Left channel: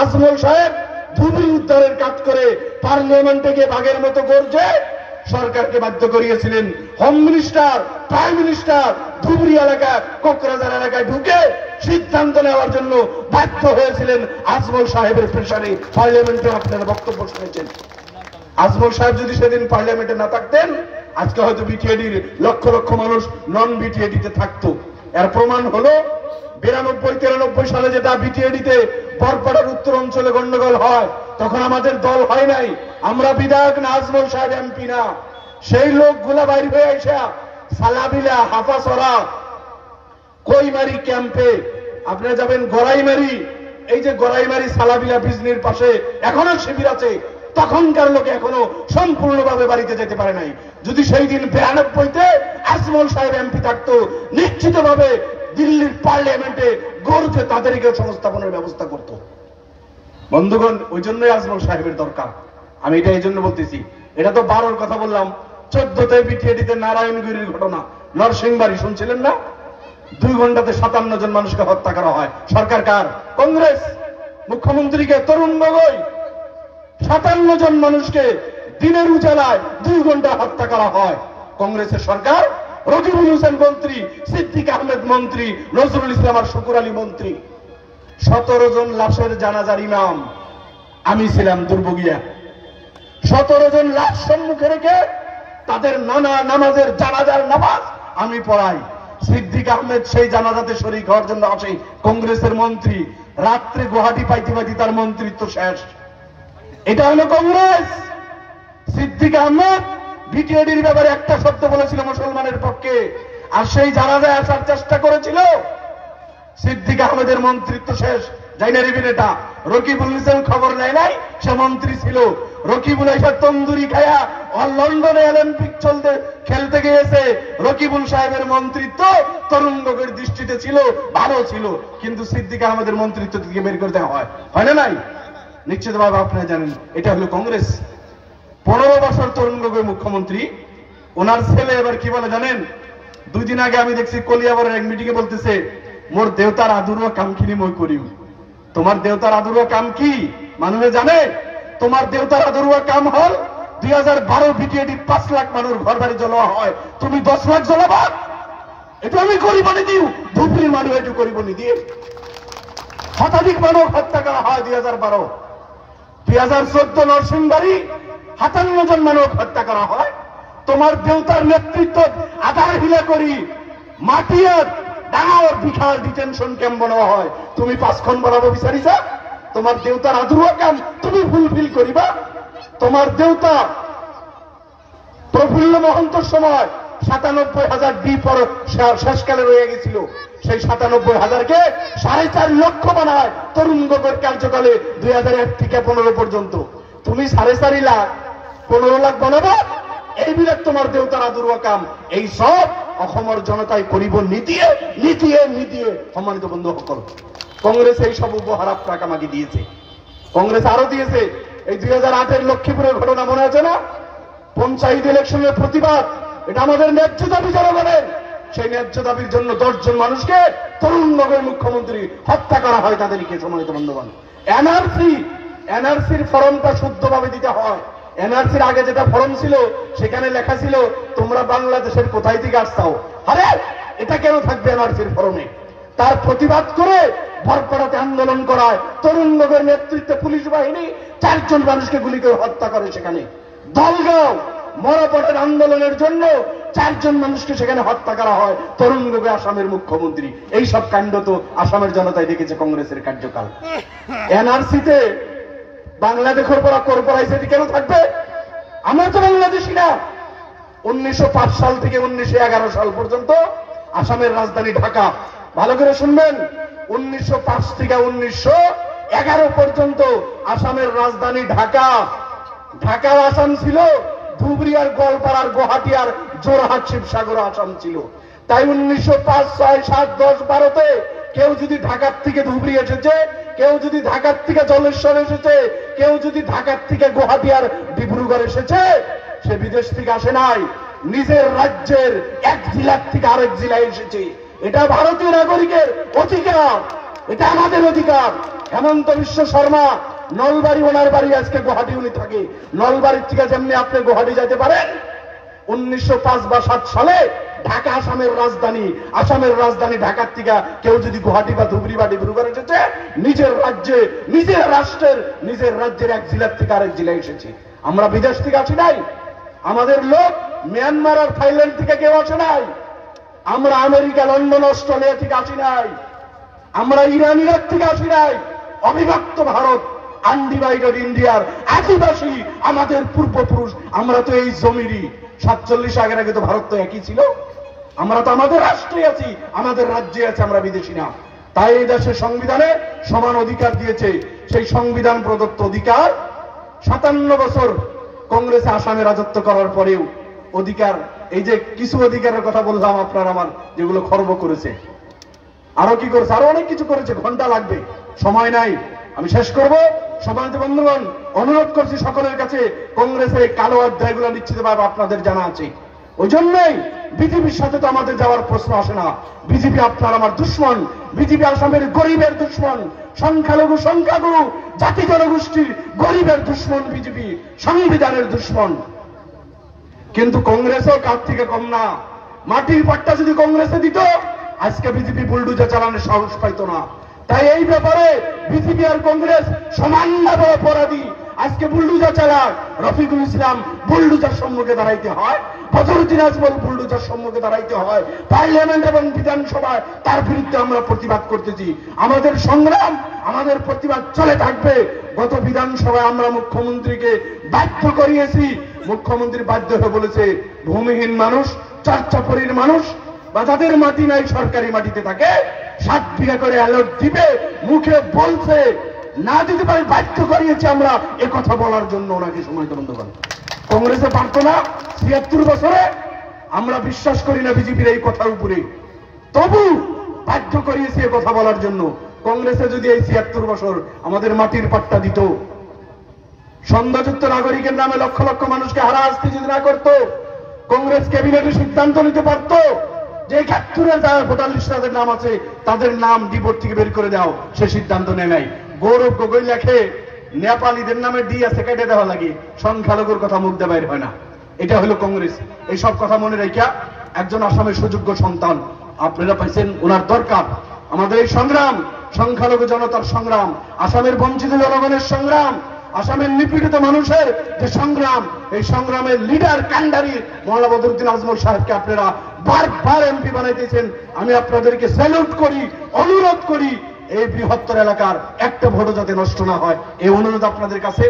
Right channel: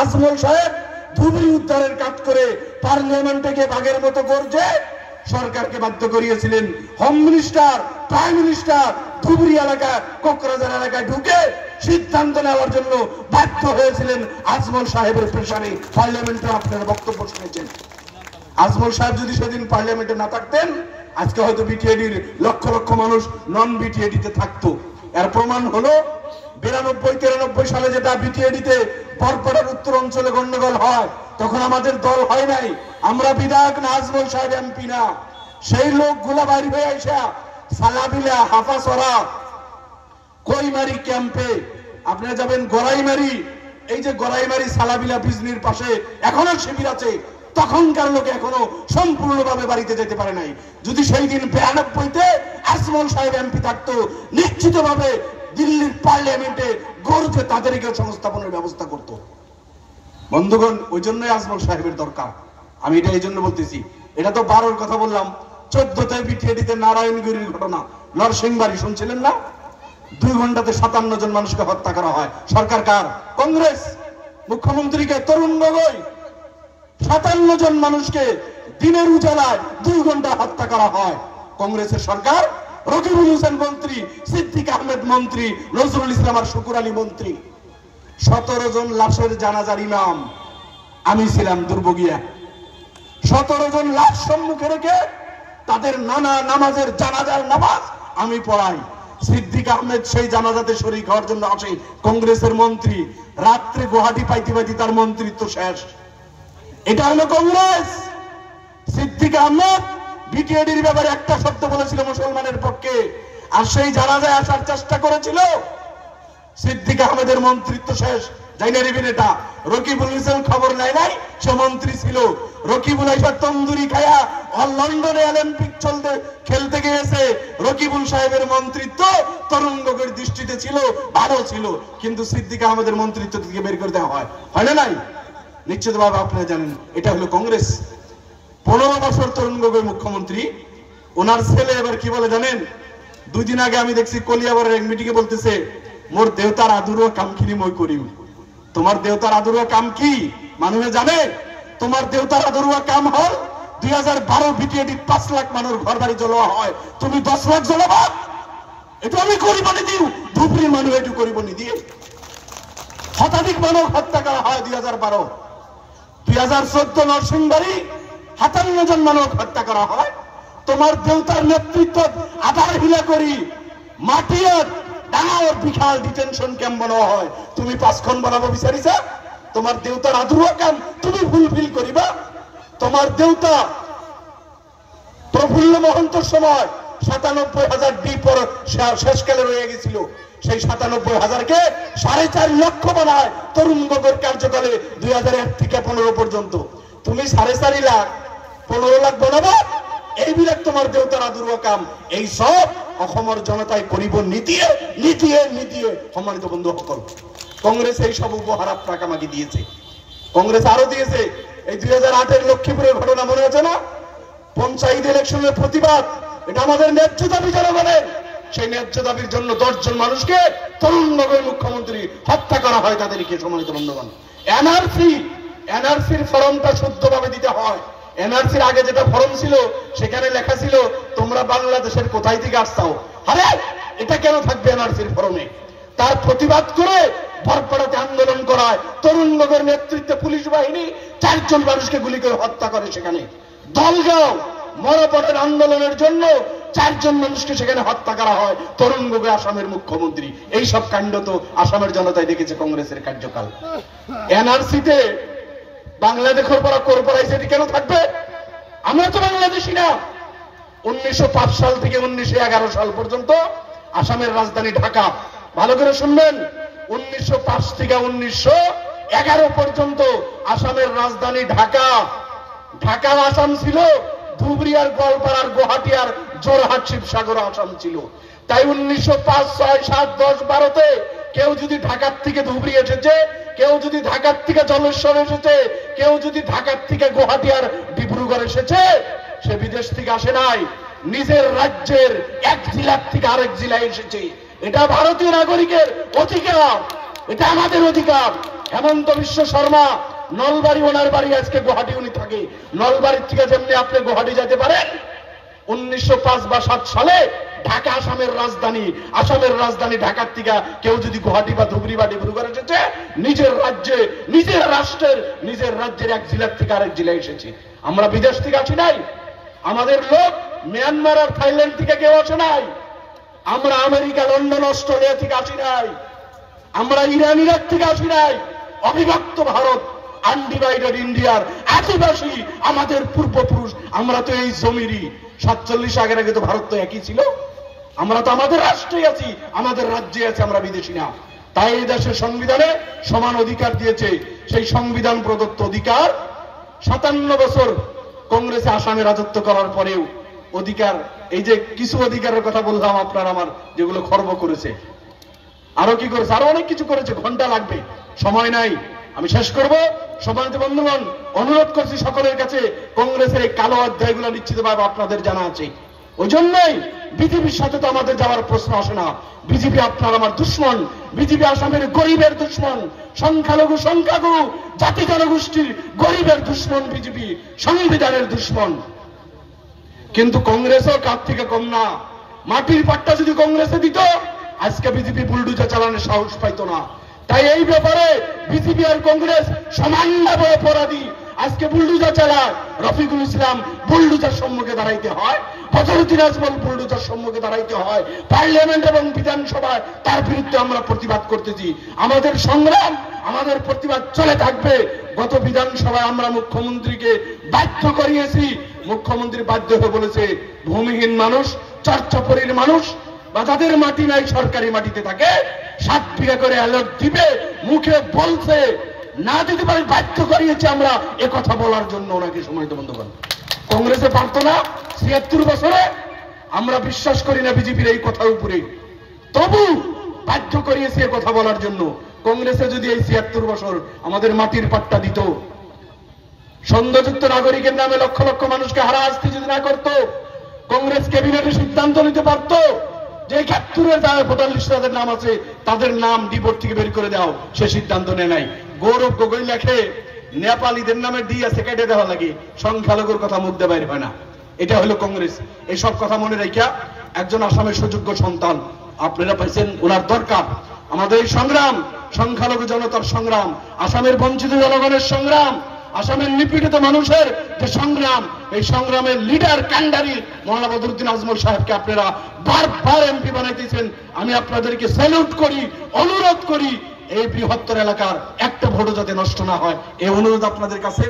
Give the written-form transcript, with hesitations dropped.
আজমল সাহেব ধুবড়ি উদ্ধারের কাজ করে পার্লামেন্টে গিয়ে বাঘের মতো গর্জে সরকারকে বাধ্য করিয়েছিলেন। Home minister, prime minister Dhubri এলাকা, কোকরাঝার এলাকায় ঢুকে সিদ্ধান্ত নেওয়ার জন্য বাধ্য হয়েছিলেন আজমল সাহেবের প্রেসারে। পার্লামেন্টে আপনারা বক্তব্য শুনেছেন। আজমল সাহেব যদি সেদিন পার্লামেন্টে না থাকতেন, আজকে হয়তো বিটিএডির লক্ষ লক্ষ মানুষ নন বিটিএডিতে থাকতো। এর প্রমাণ হলো 92-93 সালে যেটা বিটিএডিতে বরপাড়ার উত্তর অঞ্চলে গন্ডগোল হয়, তখন আমাদের দল হয় নাই, আমরা বিধায়ক না, আজমল সাহেব এমপি না। সেই লোকগুলা বাইরে হয়ে আসা সালাবিলা, হাফাসরা, কইমারি ক্যাম্পে আপনারা যাবেন, গড়াইমারি, এই যে গড়াইমারি সালাবিলা বিজনির পাশে এখনো শিবির আছে। তখনকার লোকে এখনো সম্পূর্ণভাবে বাড়িতে যেতে পারে নাই। যদি সেই দিন 92-তে আজমল সাহেব এমপি থাকতো, নিশ্চিতভাবে দিল্লির পার্লামেন্টে গর্জে তাদেরকে সংস্থাপনের ব্যবস্থা করত। বন্ধুগণ, ওই জন্যই আজমল সাহেবের দরকার। আমি এটা এই জন্য বলতেছি। এটা তো 12-র কথা বললাম, 14-তে বিটিএডিতে নারায়ণগিরির ঘটনা, নরসিংবাড়ি শুনছিলেন না? 2 ঘন্টাতে 57 জন মানুষকে হত্যা করা হয়। সরকার কার? কংগ্রেস। মুখ্যমন্ত্রীকে তরুণ গগৈ 57 জন মানুষকে দিনের উজালায় 2 ঘন্টা হত্যা করা হয়। কংগ্রেসের সরকার। রকিবুল হোসেন মন্ত্রী, সিদ্দিক আহমেদ মন্ত্রী, নজরুল ইসলাম আর শুকুর আলী মন্ত্রী। 17 জন লাশের জানাজার ইমাম আমি ছিলাম দুর্ভোগিয়া। 17 জন লাশ সম্মুখে রেখে তাদের নানা নামাজের জানাজার নামাজ আমি পড়াই। সিদ্দিক আহমেদ সেই জানাজাতে শরীক হওয়ার জন্য আসে, কংগ্রেসের মন্ত্রী। রাত্রে গুয়াহাটি পাইতে পাইতে তার মন্ত্রিত্ব শেষ। এটা হলো কংগ্রেস। সিদ্দিক আহমেদ বিটিএডির ব্যাপারে একটা শব্দ বলেছিল মুসলমানের পক্ষে, আর সেই জানাজায় আসার চেষ্টা করেছিল। সিদ্দিক আহমেদের মন্ত্রিত্ব শেষ। জানি না রিবিন এটা। রকিবুল হোসেন খবর নেয় নাই, সে মন্ত্রী ছিল। রকিবুল এসে তন্দুরি খায়া লন্ডনে অলিম্পিক খেলতে গিয়েছে। রকিবুল সাহেবের মন্ত্রিত্ব তরুণ গগৈর দৃষ্টিতে ছিল, ভালো ছিল, কিন্তু সিদ্দিক আহমেদের মন্ত্রিত্ব থেকে বের করে দেওয়া হয় না নাই? নিশ্চিতভাবে আপনারা জানেন এটা হলো কংগ্রেস। 15 বছর তরুণ গগৈ মুখ্যমন্ত্রী। ওনার ছেলে এবার কি বলে জানেন? 2 দিন আগে আমি দেখছি কলিয়াবরের এক মিটিং এ বলতেছে, মোর দেওতার আদুরো কাম খিনি মই করিম। তোমার দেওতার আদুরো কাম কি মানুষে জানে? তোমার দেওতার আদুরো কাম হল 2012 বিটিএডি 5 লাখ মানুষ ঘর বাড়ি জ্বলা হয়, তুমি 10 লাখ জ্বলাবা? এটা আমি করিব নি দিও, ধুবড়ির মানুষ এটু করিব নি দিয়ে। শতাধিক মানুষ হত্যা করা হয় 2012। 2014 নরসিংবাড়ি 57 জন মানুষ হত্যা করা হয়। তোমার দেওতার নেতৃত্ব আধার হিলা করি মাটিয়ার ডাঙর বিশাল ডিটেনশন ক্যাম্প বানানো হয়। তুমি 5খন বানাবো বিচারিছা? তোমার দেওতার আদুরো কাম তুমি ফুলফিল করিবা? তোমার দেওতা প্রফুল্ল মহন্তর সময় 97,000 ডি পর শেষকালে রয়ে গেছিল। সেই 97,000-কে 4.5 লক্ষ বানায় তরুণ গগৈর কার্যকালে 2001 থেকে 15 পর্যন্ত। তুমি 4.5 লাখ 15 লাখ বানাবো? এইবিলাক তোমার দেওতার আদুরো কাম। এই সব অসমৰ জনতাই করিব নিদিয়ে নিদিয়ে নিদিয়ে। সম্মানিত বন্ধু সকল, কংগ্রেস এই সব উপহার আপনাকে আমাকে দিয়েছে। কংগ্রেস আরো দিয়েছে। এই 2008-এর লক্ষ্মীপুরের ঘটনা মনে আছে না? পঞ্চায়েত ইলেকশনের প্রতিবাদ, এটা আমাদের ন্যায্য দাবি জনগণের। সেই ন্যায্য দাবির জন্য 10 জন মানুষকে তরুণ গগৈ মুখ্যমন্ত্রী হত্যা করা হয় তাদেরকে। সম্মানিত বন্ধুগণ, এনআরসির ফর্মটা শুদ্ধভাবে দিতে হয়। এনআরসির আগে যেটা ফর্ম ছিল সেখানে লেখা ছিল তোমরা বাংলাদেশের কোথায় থেকে আসছাও। আরে এটা কেন থাকবে এনআরসির ফর্মে? তার প্রতিবাদ করে বরপাড়াতে আন্দোলন করায় তরুণ গগৈর নেতৃত্বে পুলিশ বাহিনী 4 জন মানুষকে গুলি করে হত্যা করে। সেখানে দলগাঁও মরাপটের আন্দোলনের জন্য 4 জন মানুষকে সেখানে হত্যা করা হয়। তরুণ গগৈ আসামের মুখ্যমন্ত্রী। এই সব কাণ্ড তো আসামের জনতাই দেখেছে কংগ্রেসের কার্যকাল। এনআরসিতে বাংলাদেশের পর করাইছে, এটি কেন থাকবে? আমরা তো বাংলাদেশি না। 1905 সাল থেকে 1911 সাল পর্যন্ত আসামের রাজধানী ঢাকা। ভালো করে শুনবেন, 1905 থেকে 1911 পর্যন্ত আসামের রাজধানী ঢাকা। ঢাকার আসাম ছিল ধুবড়ি আর গোয়ালপাড়া আর গুয়াহাটি আর জোরহাট শিবসাগর আসাম ছিল। তাই 1905, 6, 7, 10, 12-তে কেউ যদি ঢাকার থেকে ধুবড়ি এসেছে, কেউ যদি ঢাকার থেকে জলেশ্বর এসেছে, কেউ যদি ঢাকার থেকে গুয়াহাটি আর ডিব্রুগড় এসেছে, সে বিদেশ থেকে আসে নাই, নিজের রাজ্যের এক জেলার থেকে আরেক জেলায় এসেছে। এটা ভারতীয় নাগরিকের অধিকার, এটা আমাদের অধিকার। হেমন্ত বিশ্ব শর্মা নলবাড়ি, ওনার বাড়ি আজকে গুয়াহাটি উনি থাকে। নলবাড়ির থেকে যেমনি আপনি গুয়াহাটি যেতে পারেন, 1905 বা 7 সালে ঢাকা আসামের রাজধানী ঢাকার থেকে কেউ যদি গুয়াহাটি বা ধুবড়ি বা ডিব্রুগড় এসেছে, নিজের রাজ্যে, নিজের রাষ্ট্রের, নিজের রাজ্যের এক জেলার থেকে আরেক জেলায় এসেছে। আমরা বিদেশ থেকে আসি নাই, আমাদের লোক মিয়ানমার আর থাইল্যান্ড থেকে কেউ আসে নাই, আমরা আমেরিকা, লন্ডন, অস্ট্রেলিয়া থেকে আসি নাই, আমরা ইরান, ইরাক থেকে আসি নাই। অবিভক্ত ভারত, আনডিভাইডেড ইন্ডিয়ার আদিবাসী আমাদের পূর্বপুরুষ। আমরা তো এই জমিরই 47 আগের আগে তো ভারত তো একই ছিল। আমরা তো আমাদের রাষ্ট্রে আছি, আমাদের রাজ্যে আছি, আমরা বিদেশি না। তাই এই দেশের সংবিধানে সমান অধিকার দিয়েছে। সেই সংবিধান প্রদত্ত অধিকার 57 বছর কংগ্রেসে আসামে রাজত্ব করার পরেও অধিকার, এই যে কিছু অধিকারের কথা বললাম আপনার আমার, যেগুলো খর্ব করেছে, আরো কি করেছে, আরো অনেক কিছু করেছে, ঘন্টা লাগবে, সময় নাই, আমি শেষ করব। সম্মানিত বন্ধুগণ, অনুরোধ করছি সকলের কাছে, কংগ্রেসের এই কালো অধ্যায়গুলো নিশ্চিতভাবে আপনাদের জানা আছে। ওই জন্যই বিজেপির সাথে তো আমাদের যাওয়ার প্রশ্ন আসে না। বিজেপি আপনার আমার দুশ্মন, বিজেপি আসামের গরিবের দুশ্মন, সংখ্যালঘু সংখ্যাগুরু জাতি জনগোষ্ঠীর গরিবের দুশ্মন, বিজেপি সংবিধানের দুশ্মন। কিন্তু কংগ্রেসও কার থেকে কম না। মাটির পাট্টা যদি কংগ্রেসে দিত, আজকে বিজেপি বুলডুজার চালানোর সাহস পাইতো না। তাই এই ব্যাপারে বিজেপি আর কংগ্রেস সমানভাবে অপরাধী। আজকে বুলডুজার চালায় রফিকুল ইসলাম, বুলডুজার সম্মুখে দাঁড়াইতে হয়, বদরুদ্দিন আজমল বুলডুজার সম্মুখে দাঁড়াইতে হয়, পার্লামেন্ট এবং বিধানসভায় তার বিরুদ্ধে আমরা প্রতিবাদ করতেছি। আমাদের সংগ্রাম, আমাদের প্রতিবাদ চলে থাকবে। গত বিধানসভায় আমরা মুখ্যমন্ত্রীকে বাধ্য করিয়েছি, মুখ্যমন্ত্রী বাধ্য হয়ে বলেছে ভূমিহীন মানুষ, চর্চাপুরীর মানুষ বা যাদের মাটি নাই সরকারি মাটিতে থাকে 7 বিঘা করে অ্যালট দিবে, মুখে বলছে, না দিতে পারে বাধ্য করিয়েছে আমরা এ কথা বলার জন্য ওনাকে। সময় তো বন্ধুগণ, কংগ্রেসে পারতো না 76 বছরে। আমরা বিশ্বাস করি না বিজেপির এই কথার উপরে, তবু বাধ্য করিয়েছে এ কথা বলার জন্য। কংগ্রেসে যদি এই 76 বছর আমাদের মাটির পাট্টা দিত, সন্দেহযুক্ত নাগরিকের নামে লক্ষ লক্ষ মানুষকে হারাহাস্তি যদি না করত, কংগ্রেস ক্যাবিনেটে সিদ্ধান্ত নিতে পারত যে 71-এর যারা ভোটার লিস্টে তাদের নাম আছে তাদের নাম ডিবোর্ড থেকে বের করে দাও, সে সিদ্ধান্ত নেয় নাই। গৌরব গগৈ লেখে নেপালিদের নামে ডি আছে কেটে দেওয়া লাগে, সংখ্যালঘুর কথা মুখ দিয়ে বাইর হয় না। এটা হলো কংগ্রেস। এইসব কথা মনে রাখিয়া একজন আসামের সুযোগ্য সন্তান আপনারা পাইছেন, ওনার দরকার। আমাদের এই সংগ্রাম সংখ্যালঘু জনতার সংগ্রাম, আসামের বঞ্চিত জনগণের সংগ্রাম, আসামের নিপীড়িত মানুষের যে সংগ্রাম, এই সংগ্রামের লিডার কান্ডারি মওলানা বদরুদ্দিন আজমল সাহেবকে আপনারা বারবার এমপি বানাইতেছেন। আমি আপনাদেরকে স্যালুট করি, অনুরোধ করি, এই বৃহত্তর এলাকার একটা ভোটও যাতে নষ্ট না হয়, এই অনুরোধ আপনাদের কাছে।